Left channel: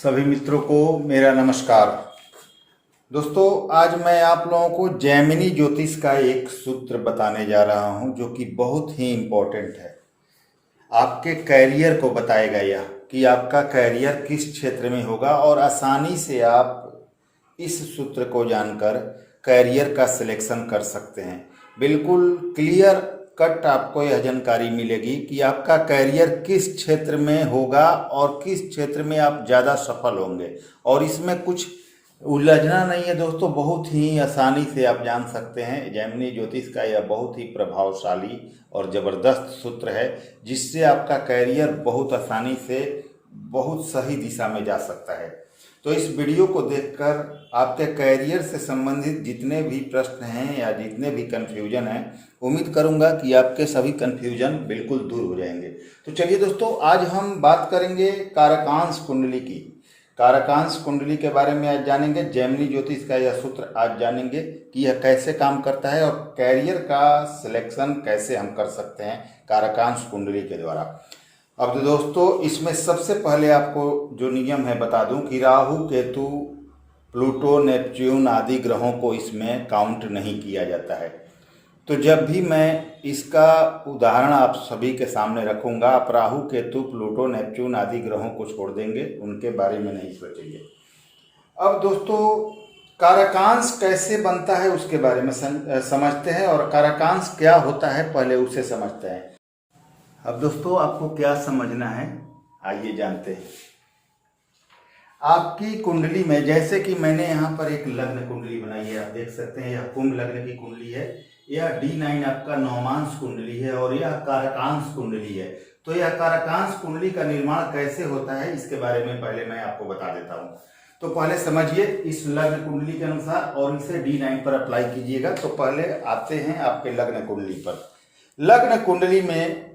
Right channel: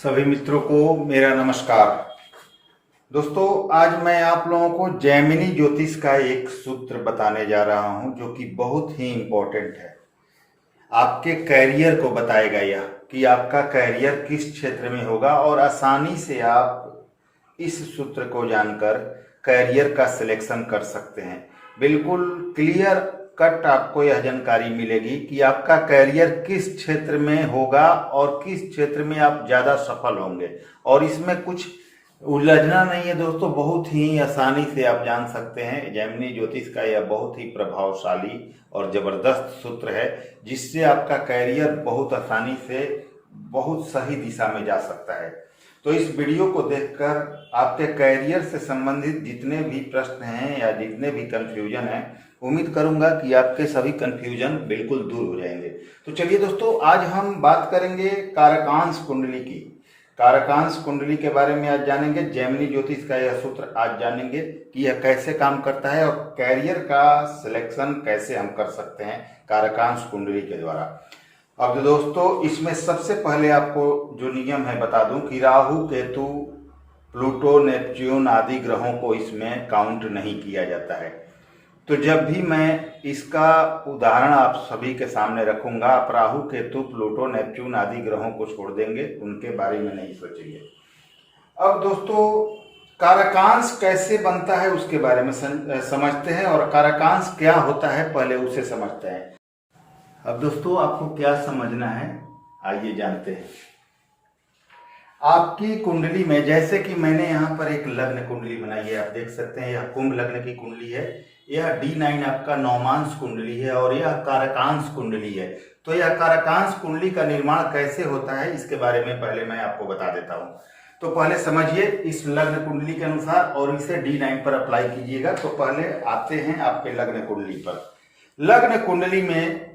सभी मित्रों को मेरा नमस्कार। दोस्तों, आज मैं आप लोगों को जैमिनी ज्योतिष का एक सूत्र बताने जा रहा हूं जो कि बहुत ही इम्पोर्टेंट है। आपके कैरियर को बताएगा यह कि आपका कैरियर किस क्षेत्र में होगा और आसानी से आप इस सूत्र को जानकर कैरियर का सिलेक्शन कर सकते हैं। बिल्कुल क्लियर कट आपको यह जानकारी मिलेगी कि आपका कैरियर किस क्षेत्र में होगा और किस क्षेत्र में आप ज़्यादा सफल होंगे। और इसमें कुछ उलझना नहीं है दोस्तों, बहुत ही आसानी से आप जान सकते हैं। जैमिनी ज्योतिष का यह बहुत ही प्रभावशाली और ज़बरदस्त सूत्र है जिससे आपका कैरियर बहुत आसानी से बहुत सही दिशा में जा सकता है। तो इस वीडियो को देखकर आपके कैरियर से संबंधित जितने भी प्रश्न हैं या जितने भी कन्फ्यूजन हैं, उम्मीद करूंगा कि आपके सभी कन्फ्यूजन बिल्कुल दूर हो जाएंगे। तो चलिए दोस्तों, आज हम बात करेंगे कारकांश कुंडली की। कारकांश कुंडली के बारे में आज जानेंगे। जैमिनी ज्योतिष का यह सूत्र आज जानेंगे कि यह कैसे काम करता है और कैरियर का सिलेक्शन कैसे हम कर सकते हैं कारकांश कुंडली के द्वारा। अब तो दोस्तों, इसमें सबसे पहले आपको जो नियम है बता दूं कि राहु, केतु, प्लूटो, नेपच्यून आदि ग्रहों को इसमें काउंट नहीं किया जाता है। तो जब भी मैं इसका उदाहरण आप सभी के सामने रखूंगा, आप राहु, केतु, प्लूटो, नेपच्यून आदि ग्रहों को छोड़ देंगे, उनके बारे में नहीं सोचेंगे। अब दोस्तों, कारकांश कैसे बनता है उसके बारे में समझते हैं और कारकांश क्या होता है पहले उसे समझते हैं। अब दोस्तों, आपको क्या समझना है आइए जानते हैं। आपकी कुंडली में, जैसे कि मैंने यहाँ पर एक लग्न कुंडली बनाई है, आप देख सकते हैं यह कुंभ लग्न की कुंडली है। यह D9 आपका नौमांश कुंडली है और यह कारकांश कुंडली है। तो यह कारकांश कुंडली का निर्माण कैसे होता है इसके बारे में पहले मैं आपको बता देता हूँ। तो पहले समझिए इस लग्न कुंडली के अनुसार और इसे D9 पर अप्लाई कीजिएगा। तो पहले आते हैं आपके लग्न कुंडली पर। लग्न कुंडली में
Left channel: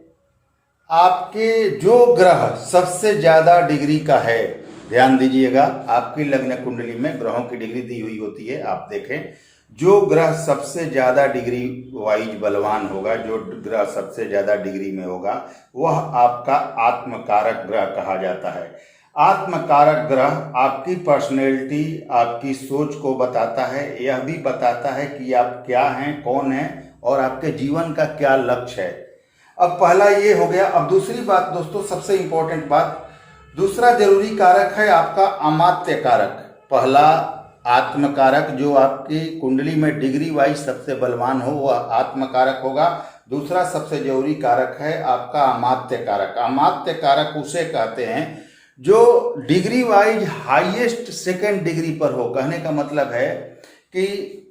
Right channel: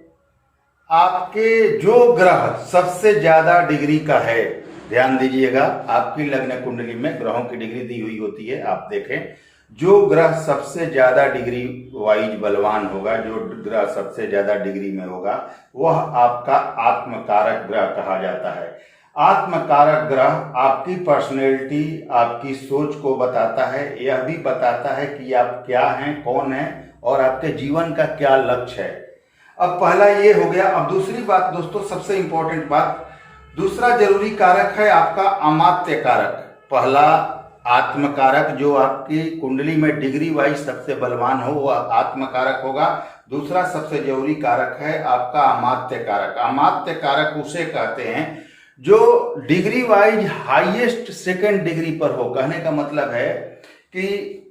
आपके जो ग्रह सबसे ज्यादा डिग्री का है, ध्यान दीजिएगा, आपकी लग्न कुंडली में ग्रहों की डिग्री दी हुई होती है। आप देखें, जो ग्रह सबसे ज्यादा डिग्री वाइज बलवान होगा, जो ग्रह सबसे ज्यादा डिग्री में होगा, वह आपका आत्मकारक ग्रह कहा जाता है। आत्मकारक ग्रह आपकी पर्सनैलिटी, आपकी सोच को बताता है। यह भी बताता है कि आप क्या हैं, कौन हैं और आपके जीवन का क्या लक्ष्य है। अब पहला ये हो गया। अब दूसरी बात दोस्तों, सबसे इंपॉर्टेंट बात, दूसरा जरूरी कारक है आपका अमात्य कारक। पहला आत्मकारक जो आपकी कुंडली में डिग्री वाइज सबसे बलवान हो वह आत्मकारक होगा। दूसरा सबसे जरूरी कारक है आपका अमात्य कारक। अमात्य कारक उसे कहते हैं जो degree wise highest second degree पर हो। कहने का मतलब है कि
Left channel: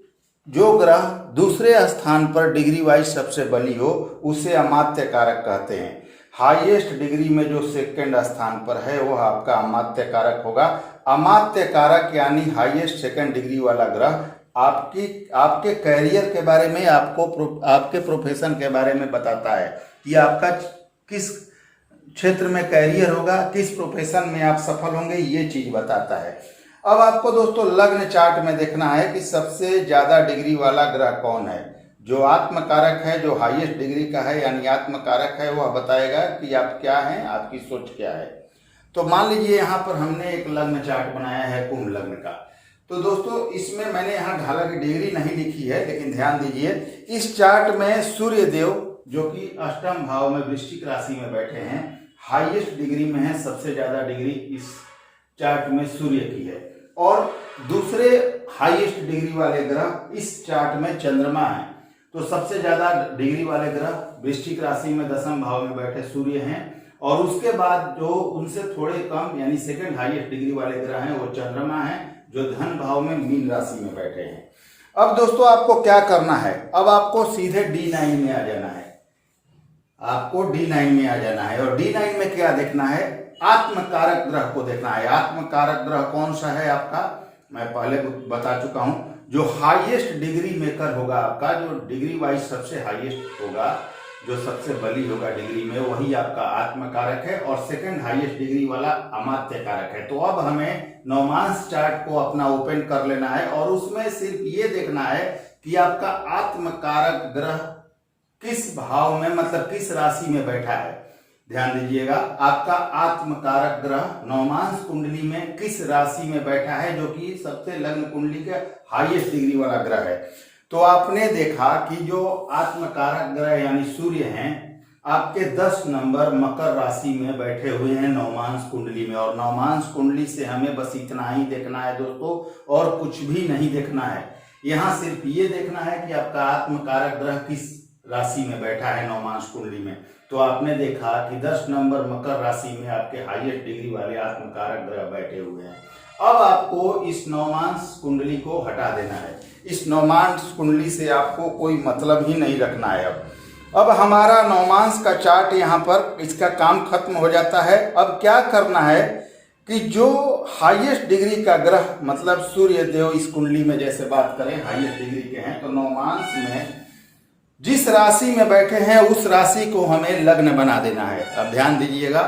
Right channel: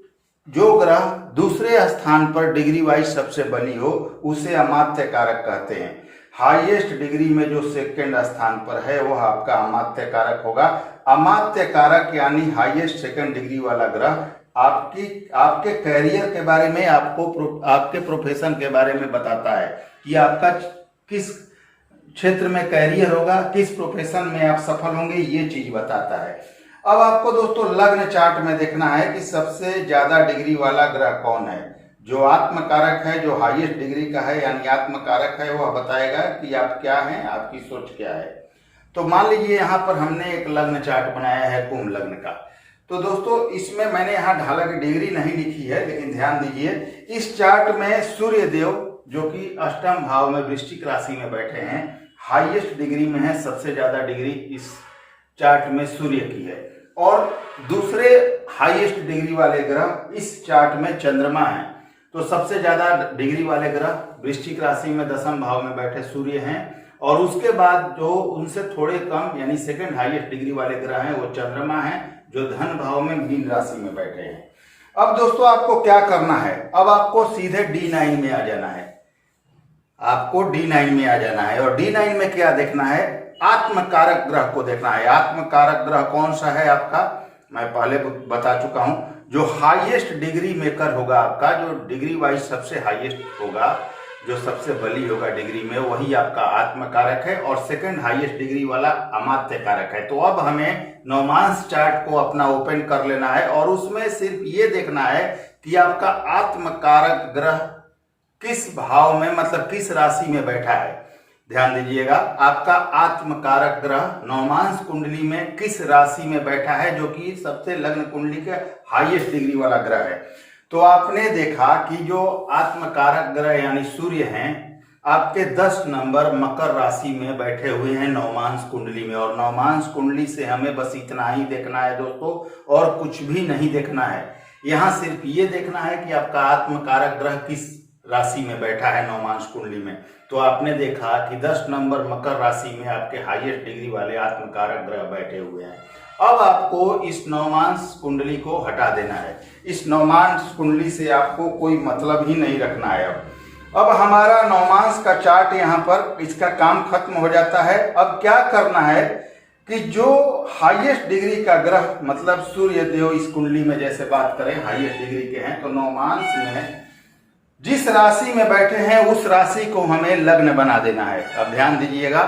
जो ग्रह दूसरे स्थान पर डिग्री वाइज सबसे बली हो उसे अमात्य कारक कहते हैं। हाईएस्ट डिग्री में जो सेकंड स्थान पर है वह आपका अमात्य कारक होगा। अमात्य कारक यानी हाईएस्ट सेकंड डिग्री वाला ग्रह आपके कैरियर के बारे में, आपके प्रोफेशन के बारे में बताता है कि आपका किस क्षेत्र में कैरियर होगा, किस प्रोफेशन में आप सफल होंगे, ये चीज बताता है। अब आपको दोस्तों लग्न चार्ट में देखना है कि सबसे ज्यादा डिग्री वाला ग्रह कौन है। जो आत्मकारक है, जो हाईएस्ट डिग्री का है यानी आत्मकारक है, वह बताएगा कि आप क्या हैं, आपकी सोच क्या है। तो मान लीजिए यहाँ पर हमने एक लग्न चार्ट बनाया है कुंभ लग्न का। तो दोस्तों, इसमें मैंने यहाँ ढाला की डिग्री नहीं लिखी है, लेकिन ध्यान दीजिए इस चार्ट में सूर्य देव जो कि अष्टम भाव में वृश्चिक राशि में बैठे हैं, हाईएस्ट डिग्री में है। सबसे ज्यादा डिग्री इस चार्ट में सूर्य की है। और दूसरे हाईएस्ट डिग्री वाले ग्रह इस चार्ट में चंद्रमा है। तो सबसे ज्यादा डिग्री वाले ग्रह वृश्चिक राशि में दशम भाव में बैठे सूर्य हैं और उसके बाद जो उनसे थोड़े कम यानी सेकंड हाईएस्ट डिग्री वाले ग्रह हैं वो चंद्रमा हैं जो धन भाव में मीन राशि में बैठे हैं। अब दोस्तों, आपको क्या करना है, अब आपको सीधे D9 में आ जाना है। आपको D9 में आ जाना है और D9 में क्या देखना है, आत्मकारक ग्रह को देखना है। आत्मकारक ग्रह कौन सा है आपका, मैं पहले बता चुका हूं। जो हाईएस्ट डिग्री मेकर होगा आपका, जो डिग्री वाइज सबसे हाईएस्ट होगा, जो सबसे बली होगा डिग्री में, वही आपका आत्मकारक है और सेकंड हाईएस्ट डिग्री वाला अमात्य कारक है। तो अब हमें नौमांश चार्ट को अपना ओपन कर लेना है और उसमें सिर्फ ये देखना है कि आपका आत्मकारक ग्रह किस भाव में, मतलब किस राशि में बैठा है। ध्यान दीजिएगा, आपका आत्मकारक ग्रह नवमांश कुंडली में किस राशि में बैठा है, जो कि सबसे लग्न कुंडली के हाईएस्ट डिग्री वाला ग्रह है। तो आपने देखा कि जो आत्मकारक ग्रह यानी सूर्य हैं आपके 10 नंबर मकर राशि में बैठे हुए हैं नवमांश कुंडली में। और नवमांश कुंडली से हमें बस इतना ही देखना है दोस्तों, और कुछ भी नहीं देखना है। यहाँ सिर्फ ये देखना है कि आपका आत्मकारक ग्रह किस राशि में बैठा है नवमांश कुंडली में। तो आपने देखा कि 10 नंबर मकर राशि में आपके हाईएस्ट डिग्री वाले आत्मकारक ग्रह बैठे हुए हैं। अब आपको इस नवमांश कुंडली को हटा देना है। इस नवमांश कुंडली से आपको कोई मतलब ही नहीं रखना है। अब हमारा नवमांश का चार्ट यहाँ पर इसका काम खत्म हो जाता है। अब क्या करना है कि जो हाईएस्ट डिग्री का ग्रह मतलब सूर्य देव इस कुंडली में जैसे बात करें हाईएस्ट डिग्री के हैं, तो नवमांश में जिस राशि में बैठे हैं उस राशि को हमें लग्न बना देना है। अब ध्यान दीजिएगा,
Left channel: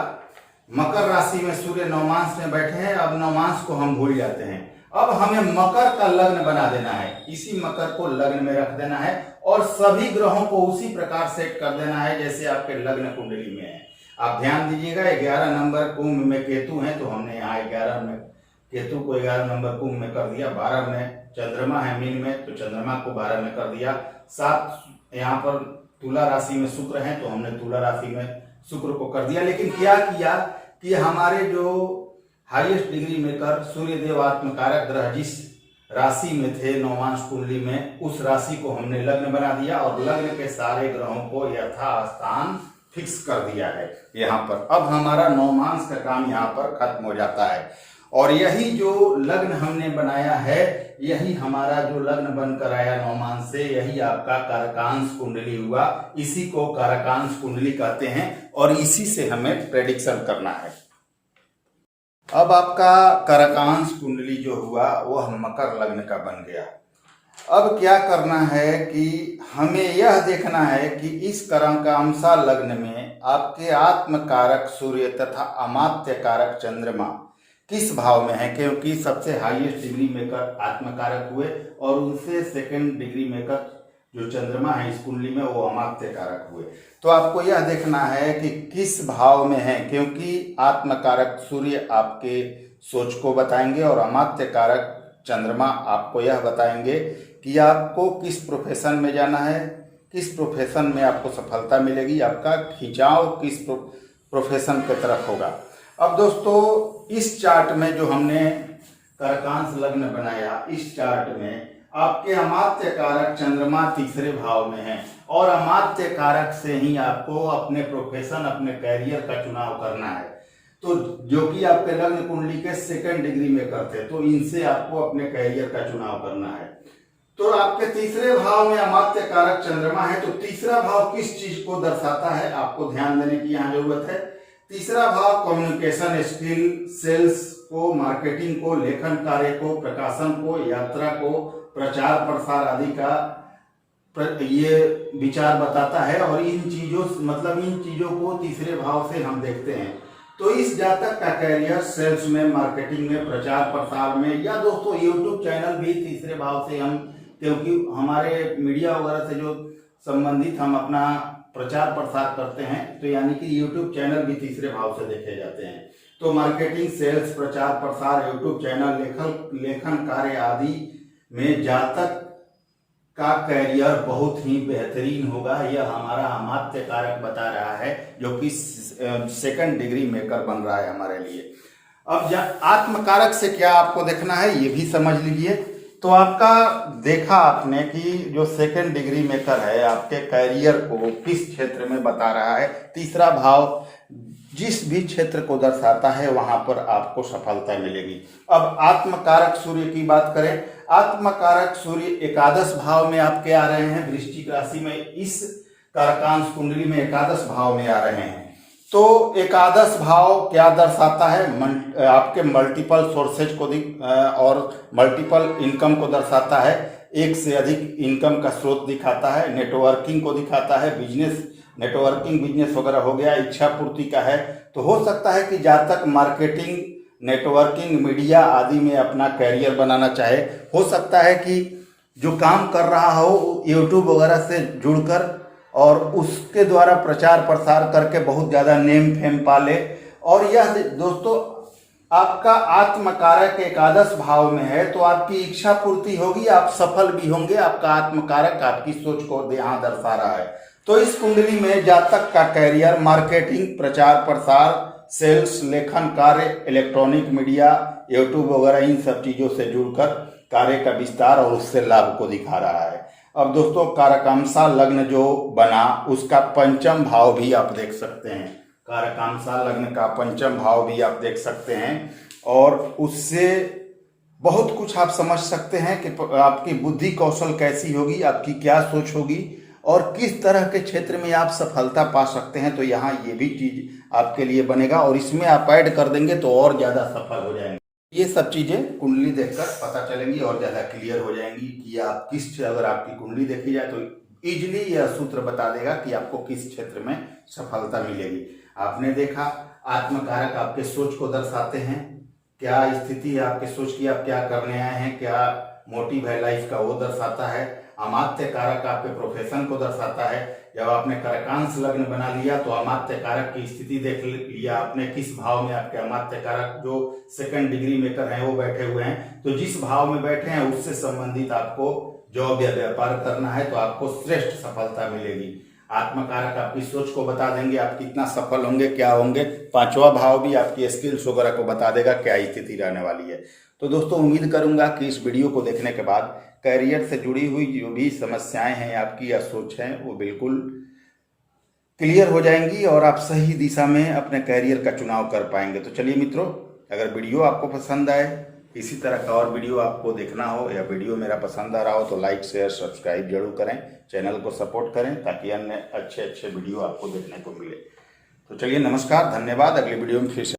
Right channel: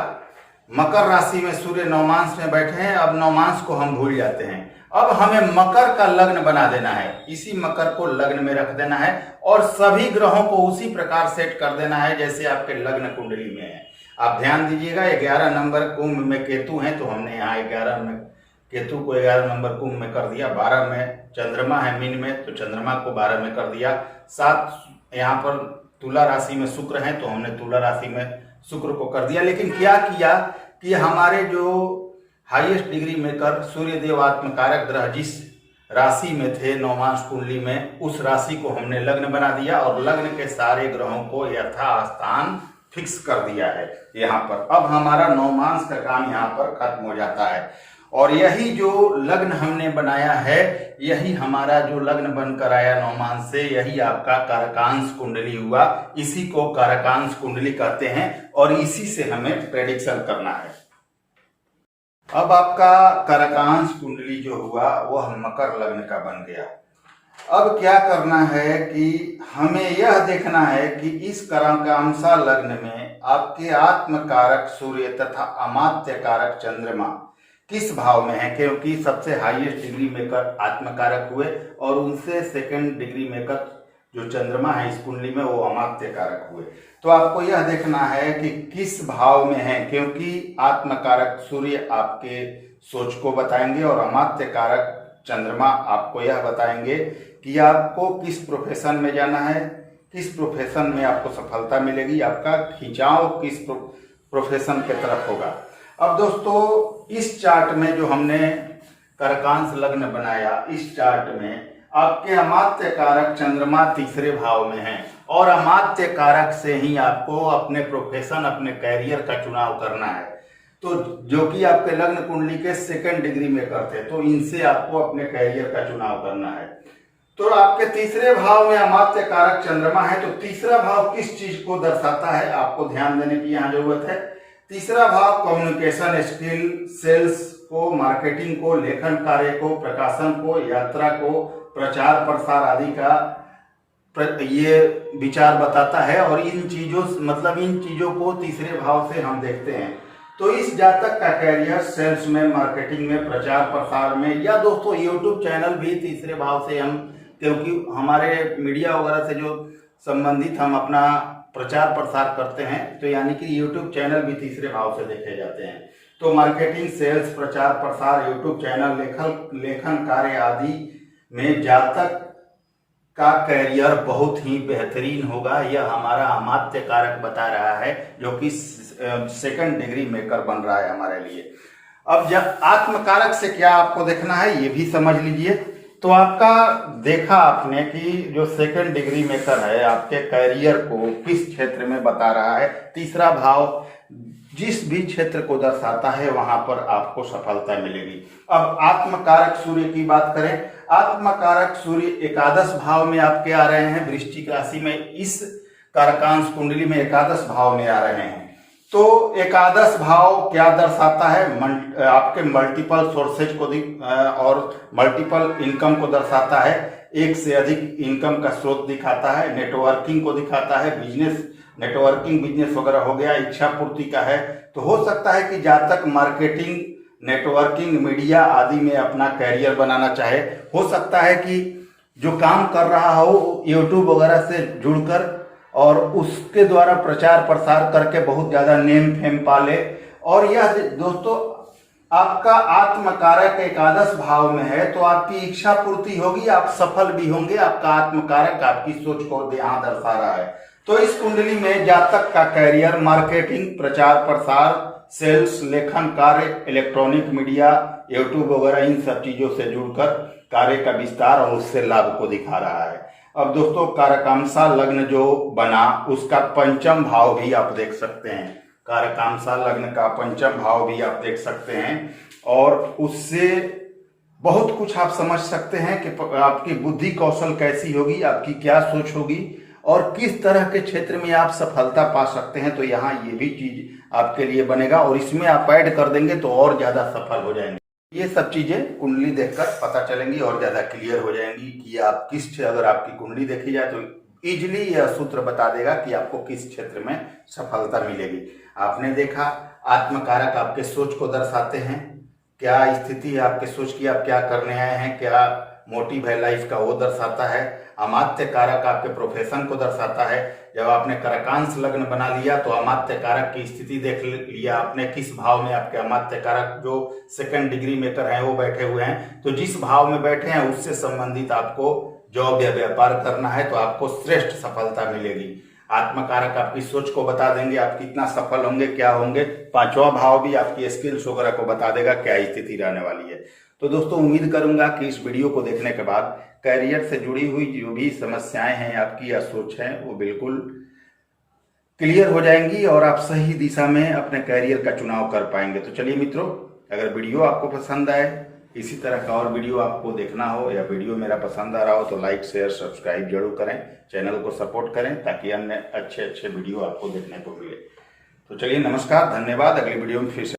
मकर राशि में सूर्य नवमांश में बैठे हैं। अब नवमांश को हम भूल जाते हैं, अब हमें मकर का लग्न बना देना है। इसी मकर को लग्न में रख देना है और सभी ग्रहों को उसी प्रकार सेट कर देना है जैसे आपके लग्न कुंडली में है। आप ध्यान दीजिएगा, 11 नंबर कुंभ में केतु है, तो हमने यहाँ 11 में केतु को 11 नंबर कुंभ में कर दिया। 12 में चंद्रमा है मीन में, तो चंद्रमा को 12 में कर दिया। 7 यहाँ पर तुला राशि में शुक्र है, तो हमने तुला राशि में शुक्र को कर दिया। लेकिन क्या किया कि हमारे जो हाईएस्ट डिग्री में कर सूर्य देव आत्मकारक ग्रह जिस राशि में थे नवमांश कुंडली में, उस राशि को हमने लग्न बना दिया और लग्न के सारे ग्रहों को यथास्थान फिक्स कर दिया है यहाँ पर। अब हमारा नवमांश का काम यहाँ पर खत्म हो जाता है और यही जो लग्न हमने बनाया है, यही हमारा जो लग्न बनकर आया नवमांश से, यही आपका कारकांश कुंडली हुआ। इसी को कारकांश कुंडली कहते हैं और इसी से हमें प्रेडिक्शन करना है। अब आपका कारकांश कुंडली जो हुआ वो हम मकर लग्न का बन गया। अब क्या करना है कि हमें यह देखना है कि इस कारकांशा लग्न में आपके आत्मकारक सूर्य तथा अमात्य कारक चंद्रमा किस भाव में है, क्योंकि सबसे हाईएस्ट डिग्री मेकर आत्मकारक हुए और उनसे सेकंड डिग्री मेकर जो चंद्रमा है इस कुंडली में वो अमात्य कारक हुए। तो आपको यह देखना है कि किस भाव में है, क्योंकि आत्मकारक सूर्य आपके सोच को बताएंगे और अमात्य कारक चंद्रमा आपको यह बताएंगे कि आपको किस प्रोफेशन में जाना है, किस प्रोफेशन में आपको सफलता मिलेगी, आपका खिंचाव किस प्रोफेशन की तरफ होगा। अब दोस्तों इस चार्ट में जो हमने कारकांश लग्न बनाया, इस चार्ट में आपके अमात्य कारक चंद्रमा तीसरे भाव में है और अमात्य कारक से ही आपको अपने प्रोफेशन अपने कैरियर का चुनाव करना है। तो जो कि आपके लग्न कुंडली के सेकंड डिग्री में करते, तो इनसे आपको अपने कैरियर का चुनाव करना है। तो आपके तीसरे भाव में अमात्य कारक चंद्रमा है, तो तीसरा भाव किस चीज को दर्शाता है आपको ध्यान देने की यहाँ जरूरत है। तीसरा भाव कम्युनिकेशन स्किल, सेल्स को, मार्केटिंग को, लेखन कार्य को, प्रकाशन को, यात्रा को, प्रचार प्रसार आदि का ये विचार बताता है। और इन चीजों को तीसरे भाव से हम देखते हैं। तो इस जातक का कैरियर सेल्स में, मार्केटिंग में, प्रचार प्रसार में, या दोस्तों यूट्यूब चैनल भी तीसरे भाव से हम, क्योंकि हमारे मीडिया वगैरह से जो संबंधित हम अपना प्रचार प्रसार करते हैं, तो यानी कि यूट्यूब चैनल भी तीसरे भाव से देखे जाते हैं। तो मार्केटिंग, सेल्स, प्रचार प्रसार, यूट्यूब चैनल, लेखन कार्य आदि में जातक का कैरियर बहुत ही बेहतरीन होगा। यह हमारा अमात्य कारक बता रहा है, जो कि सेकंड डिग्री मेकर बन रहा है हमारे लिए। अब जब आत्मकारक से क्या आपको देखना है ये भी समझ लीजिए। तो आपका देखा आपने कि जो सेकंड डिग्री मेकर है आपके कैरियर को किस क्षेत्र में बता रहा है। तीसरा भाव जिस भी क्षेत्र को दर्शाता है वहां पर आपको सफलता मिलेगी। अब आत्मकारक सूर्य की बात करें, आत्मकारक सूर्य एकादश भाव में आपके आ रहे हैं, वृश्चिक राशि में। इस कारकांश कुंडली में एकादश भाव में आ रहे हैं। तो एकादश भाव क्या दर्शाता है, आपके मल्टीपल सोर्सेज को और मल्टीपल इनकम को दर्शाता है। एक से अधिक इनकम का स्रोत दिखाता है, नेटवर्किंग को दिखाता है, बिजनेस, नेटवर्किंग बिजनेस वगैरह हो गया, इच्छा पूर्ति का है। तो हो सकता है कि जातक मार्केटिंग, नेटवर्किंग, मीडिया आदि में अपना कैरियर बनाना चाहे। हो सकता है कि जो काम कर रहा हो यूट्यूब वगैरह से जुड़कर और उसके द्वारा प्रचार प्रसार करके बहुत ज़्यादा नेम फेम पाले। और यह दोस्तों आपका आत्मकारक एकादश भाव में है, तो आपकी इच्छा पूर्ति होगी, आप सफल भी होंगे। आपका आत्मकारक आपकी सोच को यहाँ दर्शा रहा है। तो इस कुंडली में जातक का कैरियर, मार्केटिंग, प्रचार प्रसार, सेल्स, लेखन कार्य, इलेक्ट्रॉनिक मीडिया, यूट्यूब वगैरह इन सब चीजों से जुड़कर कार्य का विस्तार और उससे लाभ को दिखा रहा है। अब दोस्तों कारकांसा लग्न जो बना उसका पंचम भाव भी आप देख सकते हैं। कारकांसा लग्न का पंचम भाव भी आप देख सकते हैं और उससे बहुत कुछ आप समझ सकते हैं कि आपकी बुद्धि कौशल कैसी होगी, आपकी क्या सोच होगी और किस तरह के क्षेत्र में आप सफलता पा सकते हैं। तो यहाँ ये भी चीज आपके लिए बनेगा और इसमें आप ऐड कर देंगे तो और ज्यादा सफल हो जाएंगे। ये सब चीजें कुंडली देखकर पता चलेंगी और ज्यादा क्लियर हो जाएंगी कि आप किस, अगर आपकी कुंडली देखी जाए तो इजिली यह सूत्र बता देगा कि आपको किस क्षेत्र में सफलता मिलेगी। आपने देखा आत्मकारक आपके सोच को दर्शाते हैं, क्या स्थिति है आपके सोच की, आप क्या करने आए हैं, क्या मोटिव है लाइफ का, वो दर्शाता है। अमात्य कारक आपके प्रोफेशन को दर्शाता है। जब आपने कारकांश लग्न बना लिया तो अमात्य कारक की स्थिति देख लिया आपने, किस भाव में आपके अमात्य कारक जो सेकंड डिग्री मेकर हैं वो बैठे हुए हैं। तो जिस भाव में बैठे हैं उससे संबंधित आपको जॉब या व्यापार करना है तो आपको श्रेष्ठ सफलता मिलेगी। आत्मकारक आपकी सोच को बता देंगे आप कितना सफल होंगे, क्या होंगे। पांचवा भाव भी आपकी स्किल्स वगैरह को बता देगा क्या स्थिति रहने वाली है। तो दोस्तों उम्मीद करूंगा कि इस वीडियो को देखने के बाद कैरियर से जुड़ी हुई जो भी समस्याएं हैं आपकी या सोच है वो बिल्कुल क्लियर हो जाएंगी और आप सही दिशा में अपने कैरियर का चुनाव कर पाएंगे। तो चलिए मित्रों, अगर वीडियो आपको पसंद आए, इसी तरह का और वीडियो आपको देखना हो या वीडियो मेरा पसंद आ रहा हो तो लाइक शेयर सब्सक्राइब जरूर करें, चैनल को सपोर्ट करें ताकि अन्य अच्छे वीडियो आपको देखने को मिले। तो चलिए नमस्कार, धन्यवाद। अगली वीडियो में फिर से